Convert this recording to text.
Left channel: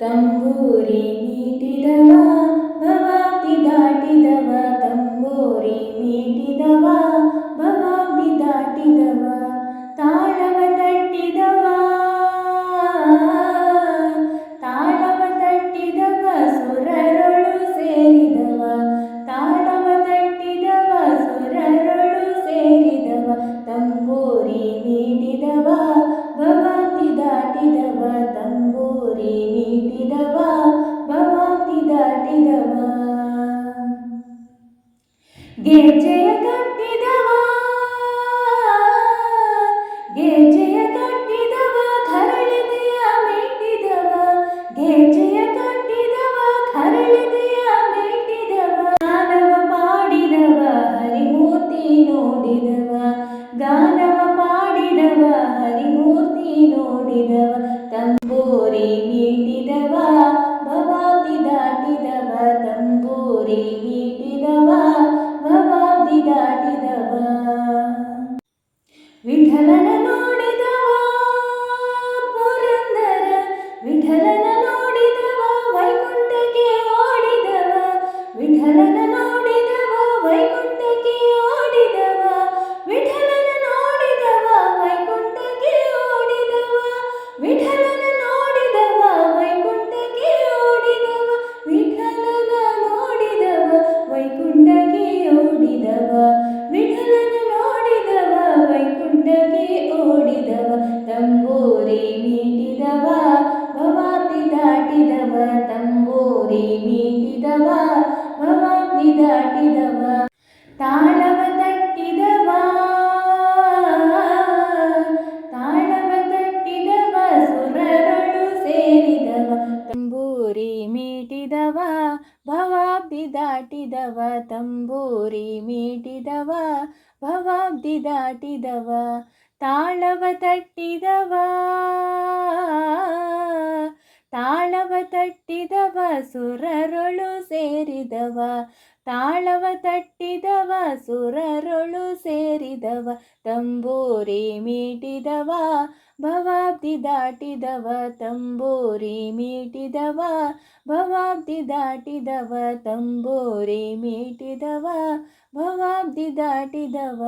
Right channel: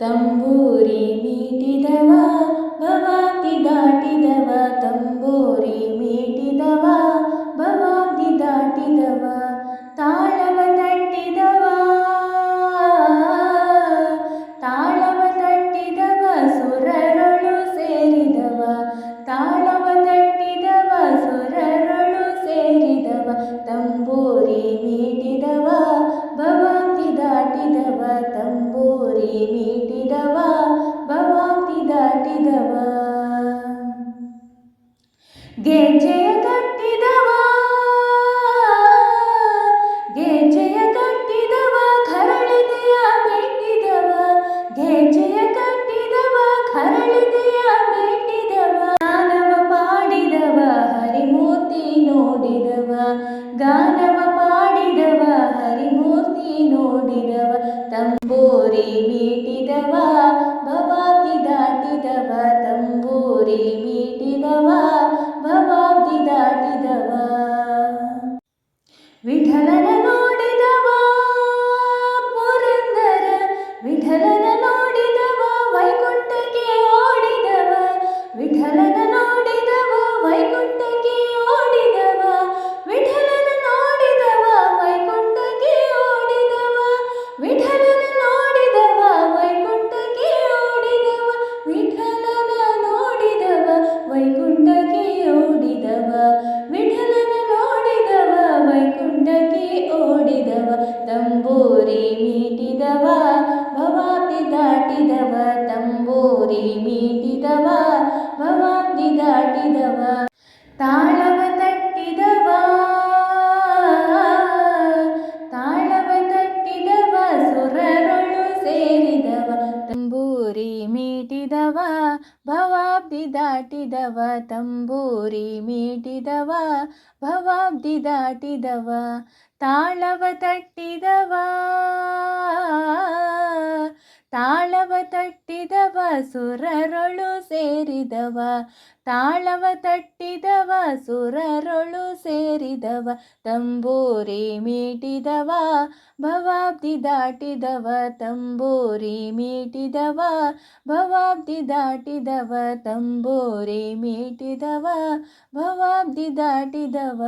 तं वूरि दवा भवाति ಗೆಜ್ಜೆಯ ಕಟ್ಟಿದವ ಗೆಜ್ಜೆಯ ಕಟ್ಟಿದವ ಖರಳಿದೆಯ ಮೆಟ್ಟಿದವ ಗೆಜ್ಜೆಯ No ತಂಬೂರಿ ಮೀಟಿದವ ಭವಾಬ್ದಿ ದಾಟಿದವ ತಂಬೂರಿ ಮೀಟಿದವ ಭವಾಬ್ದಿ ದಾಟಿದವ ತಾಳವ ತಟ್ಟಿದವ. ತಾಳವ ತಟ್ಟಿದವ ಸುರರೊಳು ಸೇರಿದವ ತಾಳವ ತಟ್ಟಿದವ, ಸುರರೊಳು ಸೇರಿದವ, ತಂಬೂರಿ ಮೀಟಿದವ, ಭವಾಬ್ದಿ ದಾಟಿದವ, ತಂಬೂರಿ ಮೀಟಿದವ, ಭವಾಬ್ದಿ ದಾಟಿದವ, ತಂಬೂರಿ ಮೀಟಿದವ, ಭವಾಬ್ದಿ ದಾಟಿದವ.